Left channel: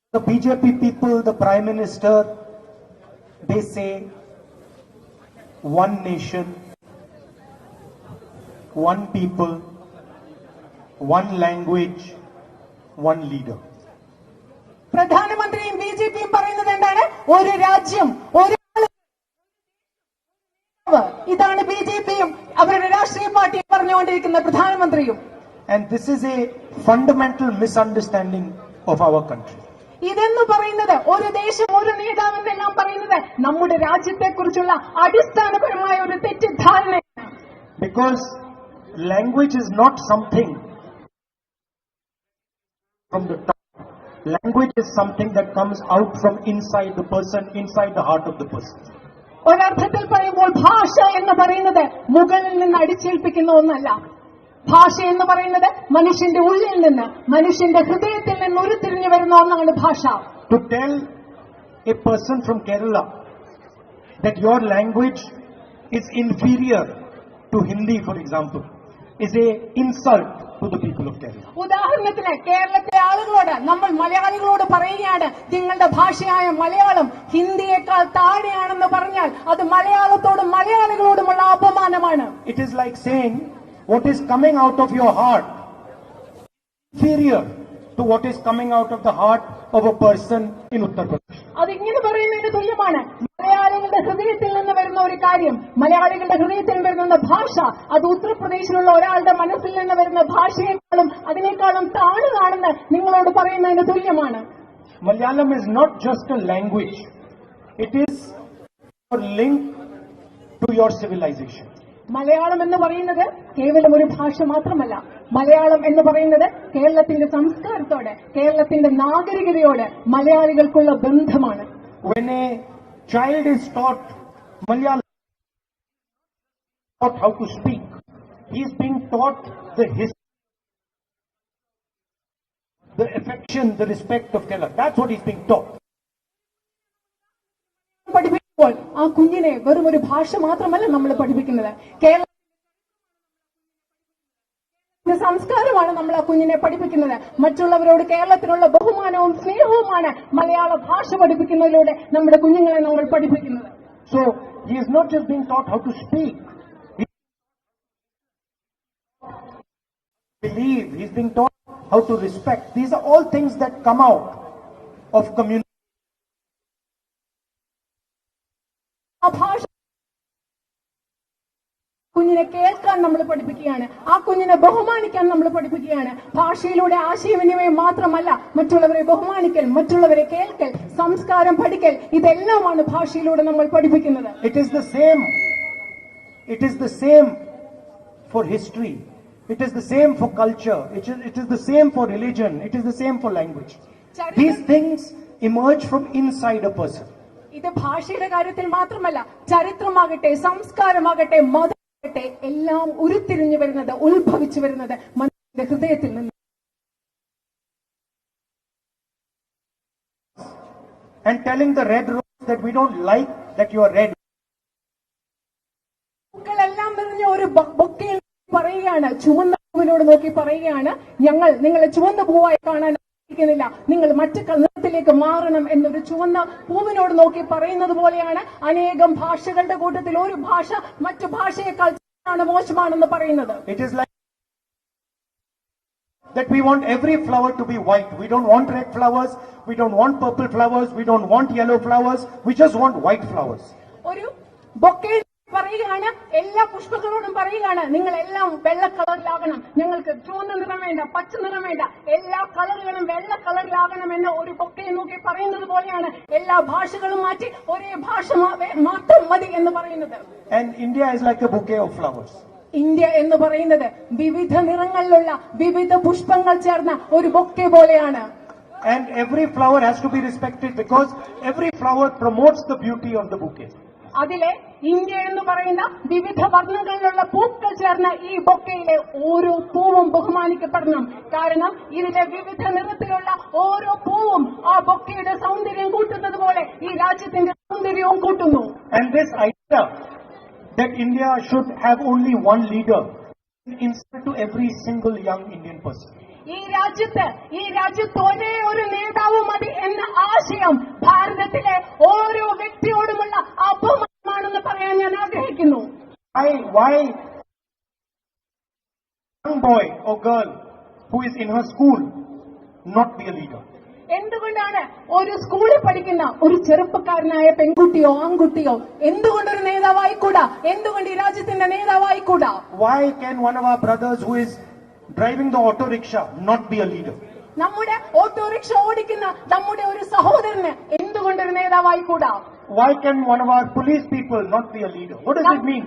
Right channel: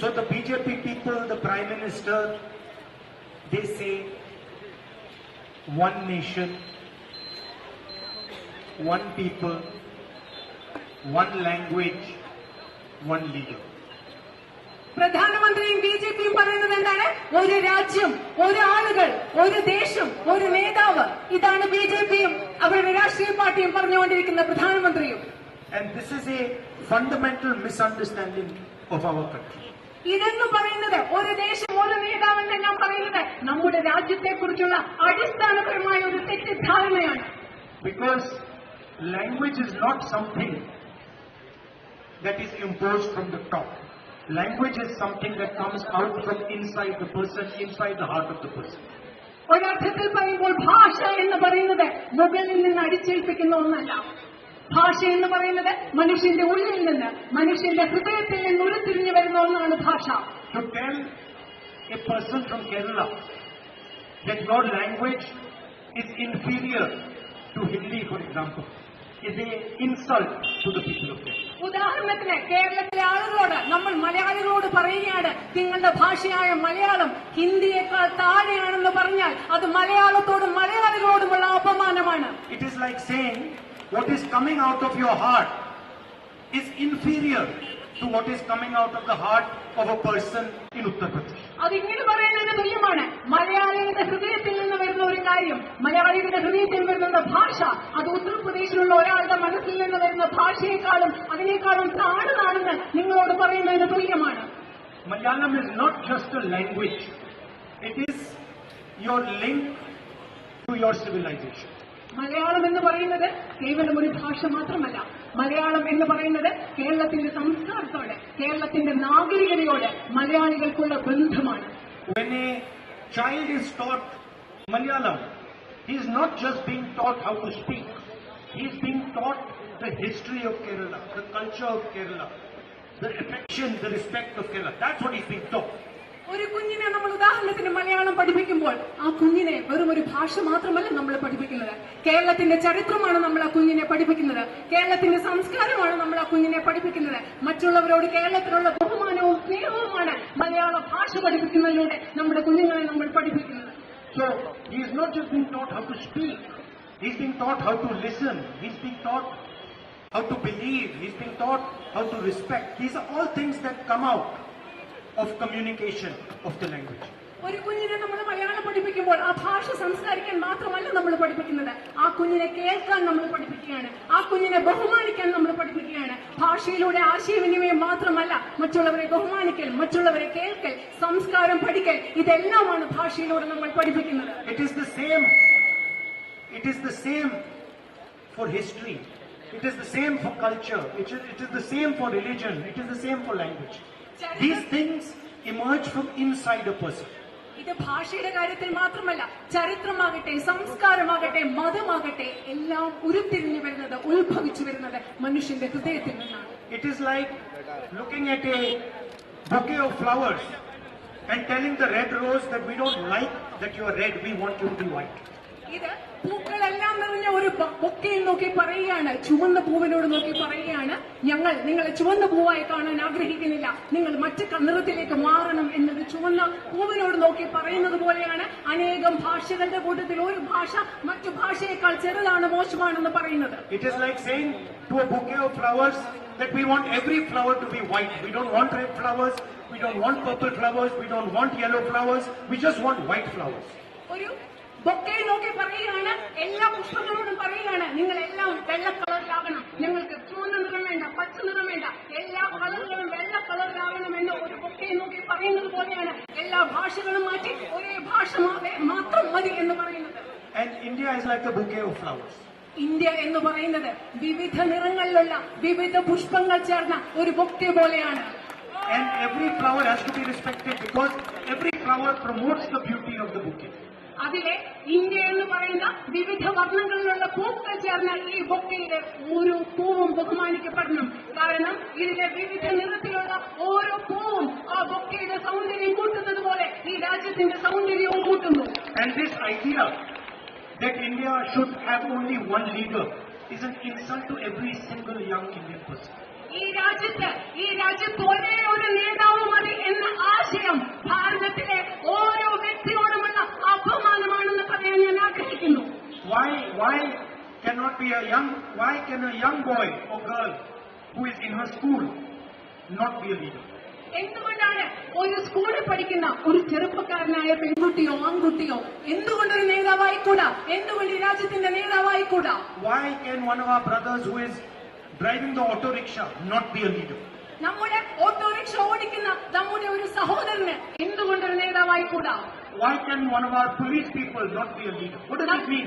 So the BJP people, the Prime Minister, they say one nation, one people, one language, one leader. പ്രധാനമന്ത്രിയും B J പിയും പറയുന്നത് എന്താണ് ഒരു രാജ്യം ഒരു ആളുകൾ ഒരു ദേശം ഒരു നേതാവ് ഇതാണ് ബി ജെ പിയും അവരുടെ രാഷ്ട്രീയ പാർട്ടിയും പറഞ്ഞുകൊണ്ടിരിക്കുന്ന പ്രധാനമന്ത്രിയും And this is a fundamental misunderstanding of our country. ഇതെന്ന് പറയുന്നത് ഒരു ദേശം ഒരു നേതാവ് എന്നെല്ലാം പറയുന്നത് നമ്മുടെ രാജ്യത്തെ കുറിച്ചുള്ള അടിസ്ഥാനപരമായ ഒരു തെറ്റിദ്ധാരണയാണ്. Because language is not something that is impose from the top language is something that comes out from inside the person inside the heart of the person ഒരർത്ഥത്തിൽ പറയുമ്പോൾ ഭാഷ എന്ന് പറയുന്നത് മുകളിൽ നിന്ന് അടിച്ചേൽപ്പിക്കുന്ന ഒന്നല്ല. ഭാഷ എന്ന് പറയുന്നത് മനുഷ്യന്റെ ഉള്ളിൽ നിന്ന് മനുഷ്യന്റെ ഹൃദയത്തിൽ നിന്ന് ഉരുത്തിരിഞ്ഞു വരുന്ന ഒന്നാണ് ഭാഷ To tell a person from Kerala that your language is inferior to Hindi, for example, is a insult to the people of Kerala. ഉദാഹരണത്തിന് കേരളത്തിലെ ആളുകളോട് നമ്മൾ മലയാളികളോട് പറയുകയാണ് നിങ്ങളുടെ ഭാഷയായ മലയാളം ഹിന്ദിയേക്കാൾ താഴെയാണെന്ന് പറഞ്ഞാൽ അത് മലയാളത്തോടും മലയാളികളോടുമുള്ള അപമാനമാണ് It is like saying what is coming out of your heart is inferior to what is coming out of the heart of a person in Uttar Pradesh. അത് ഇങ്ങനെ പറയുന്നതിന് തുല്യമാണ് മലയാളികളുടെ ഹൃദയത്തിൽ നിന്ന് വരുന്ന ഒരു കാര്യം മലയാളികളുടെ ഹൃദയത്തിൽ വരുന്ന ഭാഷ അത് ഉത്തർപ്രദേശിലുള്ള ഒരാളുടെ മനസ്സിൽ നിന്ന് വരുന്ന ഭാഷയെക്കാളും അതിനേക്കാളും താഴ്ന്നതാണെന്ന് നിങ്ങളോട് പറയുന്നതിന് തുല്യമാണ് Malayalam is not just a language, it is your link to your civilization. Malayalam എന്ന് പറയുന്നത് കേവലം ഒരു ഭാഷ മാത്രമല്ല മലയാളം എന്ന് പറയുന്നത് കേരളത്തിന്റെ സംസ്കാരത്തോടെ കേരളത്തിന്റെ നാഗരികതയോട് മലയാളികൾക്കുള്ള ബന്ധമാണ് When a child is taught Malayalam, he is not just being taught how to speak, he is being taught the history of Kerala, the culture of Kerala, the affection, the respect of Kerala. That's what he's being taught. ഒരു കുഞ്ഞിനെ നമ്മൾ ഉദാഹരണത്തിന് മലയാളം പഠിപ്പിക്കുമ്പോൾ ആ കുഞ്ഞിനെ വെറും ഒരു ഭാഷ മാത്രമല്ല നമ്മൾ പഠിപ്പിക്കുന്നത് കേരളത്തിന്റെ ചരിത്രമാണ് നമ്മൾ ആ കുഞ്ഞിനെ പഠിപ്പിക്കുന്നത് കേരളത്തിന്റെ സംസ്കാരമാണ് നമ്മൾ ആ കുഞ്ഞിനെ പഠിപ്പിക്കുന്നത് മറ്റുള്ളവരോട് കേരളത്തിലുള്ള ബഹുമാനവും സ്നേഹവുമാണ് മലയാള ഭാഷ പഠിപ്പിക്കുന്നതിലൂടെ നമ്മുടെ കുഞ്ഞുങ്ങളെ നമ്മൾ പഠിപ്പിക്കുന്നത് so he is not just being taught how to speak, he's being taught how to listen, he's being taught how to believe, he's being taught how to respect. These are all things that come out of communication of the language. ഒരു കുഞ്ഞിനെ നമ്മൾ മലയാളം പഠിപ്പിക്കുമ്പോൾ ആ ഭാഷ സംസാരിക്കാൻ മാത്രമല്ല നമ്മൾ പഠിപ്പിക്കുന്നത് ആ കുഞ്ഞിനെ കേൾക്കാൻ നമ്മൾ പഠിപ്പിക്കുകയാണ് ആ കുഞ്ഞിനെ ബഹുമാനിക്കാൻ നമ്മൾ പഠിപ്പിക്കുകയാണ് ഭാഷയിലൂടെ ആശയവിനിമയം മാത്രമല്ല മറ്റുള്ളവരെ ബഹുമാനിക്കൽ മറ്റുള്ളവരെ കേൾക്കൽ സംസ്കാരം പഠിക്കൽ ഇതെല്ലാമാണ് ഭാഷയിലൂടെ നമ്മൾ പഠിപ്പിക്കുന്നത് it is the same it is the same for history It is the same for culture. It is, it is the same for religion. It is the same for language. These things emerge from inside a person. ഇത് ഭാഷയുടെ കാര്യത്തിൽ മാത്രമല്ല ചരിത്രമാകട്ടെ സംസ്കാരമാകട്ടെ മതമാകട്ടെ എല്ലാം ഉരുത്തിരിഞ്ഞു വരുന്നത് ഉത്ഭവിച്ചു വരുന്നത് മനുഷ്യന്റെ ഹൃദയത്തിൽ നിന്നാണ്. ഇത് പൂക്കളെല്ലാം നിറഞ്ഞ ഒരു ബൊക്കയെ നോക്കി പറയുകയാണ്. ചുവന്ന പൂവിനോട് നോക്കി പറയുകയാണ്. ഞങ്ങൾ നിങ്ങളെ ചുവന്ന പൂവായി കാണാൻ ആഗ്രഹിക്കുന്നില്ല. നിങ്ങൾ മറ്റു നിറത്തിലേക്ക് മാറണം എന്നത് ചുവന്ന പൂവിനോട് നോക്കി പറയുന്നത് പോലെയാണ്. അനേകം ഭാഷകളുടെ കൂട്ടത്തിൽ ഒരു ഭാഷ മറ്റു ഭാഷയേക്കാൾ ചെറുതാണ് മോശമാണെന്ന് പറയുന്നത്. That we want every flower to be white. We don't want red flowers, we don't want purple flowers, we don't want yellow flowers, we just want white flowers. ബൊക്കയിൽ നോക്കി പറയുകയാണ് എല്ലാ പുഷ്പങ്ങളോടും പറയുകയാണ് നിങ്ങൾ എല്ലാം വെള്ള കളറിലാവണം നിങ്ങൾക്ക് ചുവന്ന നിറം വേണ്ട പച്ച നിറം വേണ്ട. എല്ലാ കളറുകളും വെള്ള കളറിലാവണം എന്ന് ഒരു ബൊക്കയിൽ നോക്കി പറയുന്നത് പോലെയാണ്. എല്ലാ ഭാഷകളും മാറ്റി ഒരേ ഭാഷ മാത്രം മതി എന്ന് പറയുന്നത്. India is like a bouquet of flowers. India എന്ന് പറയുന്നത് വിവിധ നിറങ്ങളിലുള്ള വിവിധ പുഷ്പങ്ങൾ ചേർന്ന ഒരു ബൊക്കെ പോലെയാണ്. And every flower has to be respected because every flower promotes the beauty of the bouquet. അതിലെ ഇന്ത്യ എന്ന് പറയുന്ന വിവിധ വർണങ്ങളിലുള്ള പൂക്കൾ ചേർന്ന ഈ ബൊക്കയിലെ ഓരോ പൂവും ബഹുമാനിക്കപ്പെടണം കാരണം ഇതിലെ വിവിധ നിറത്തിലുള്ള ഓരോ പൂവും ആ ബൊക്കയുടെ സൗന്ദര്യം കൂട്ടുന്നത് പോലെ ഈ രാജ്യത്തിന്റെ സൗന്ദര്യവും കൂട്ടുന്നു And this idea that India should have only one leader is an insult to every single young Indian person. ഈ രാജ്യത്ത് ഈ രാജ്യത്ത് ഒരേ ഒരു നേതാവും മതി എന്ന ആശയം ഭാരതത്തിലെ ഓരോ വ്യക്തിയോടുമുള്ള Why, why cannot be a young, why can a young boy or girl who is in her school not be a leader? എന്തുകൊണ്ടാണ് ഒരു സ്കൂളിൽ പഠിക്കുന്ന ഒരു ചെറുപ്പക്കാരനായ പെൺകുട്ടിയോ ആൺകുട്ടിയോ എന്തുകൊണ്ടൊരു നേതാവായിക്കൂടാ എന്തുകൊണ്ട് ഈ രാജ്യത്തിന്റെ നേതാവായിക്കൂടാ Why can one of our brothers who is driving the auto rickshaw not be a leader? നമ്മുടെ ഓട്ടോറിക്ഷ ഓടിക്കുന്ന നമ്മുടെ ഒരു സഹോദരന് എന്തുകൊണ്ടൊരു നേതാവായിക്കൂടാ Why can one of our police people not be a leader? What does it mean?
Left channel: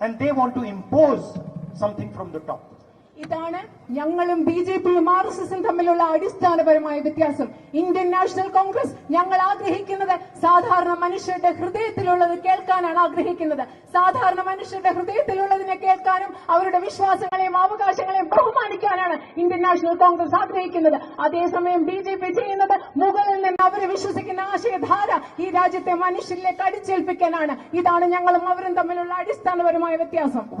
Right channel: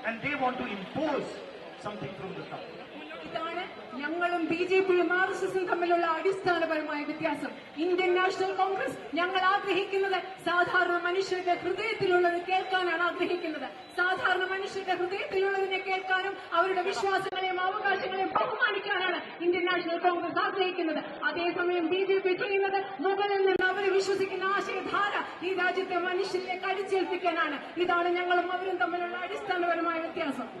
and they want to impose something from the top. ഇതാണ് ഞങ്ങളും B J പിയും R S എസും തമ്മിലുള്ള അടിസ്ഥാനപരമായ വ്യത്യാസം ഇന്ത്യൻ നാഷണൽ കോൺഗ്രസ് ഞങ്ങൾ ആഗ്രഹിക്കുന്നത് സാധാരണ മനുഷ്യരുടെ ഹൃദയത്തിലുള്ളത് കേൾക്കാനാണ് ആഗ്രഹിക്കുന്നത് സാധാരണ മനുഷ്യരുടെ ഹൃദയത്തിലുള്ളതിനെ കേൾക്കാനും അവരുടെ വിശ്വാസങ്ങളെയും അവകാശങ്ങളെയും ബഹുമാനിക്കാനാണ് നാഷണൽ കോൺഗ്രസ് ആഗ്രഹിക്കുന്നത് അതേസമയം ബി ജെ പി ചെയ്യുന്നത് മുകളിൽ നിന്ന് അവരെ വിശ്വസിക്കുന്ന ആശയധാര ഈ രാജ്യത്തെ മനുഷ്യരിലേക്ക് അടിച്ചേൽപ്പിക്കാനാണ്. ഇതാണ് ഞങ്ങളും അവരും തമ്മിലുള്ള അടിസ്ഥാനപരമായ വ്യത്യാസം.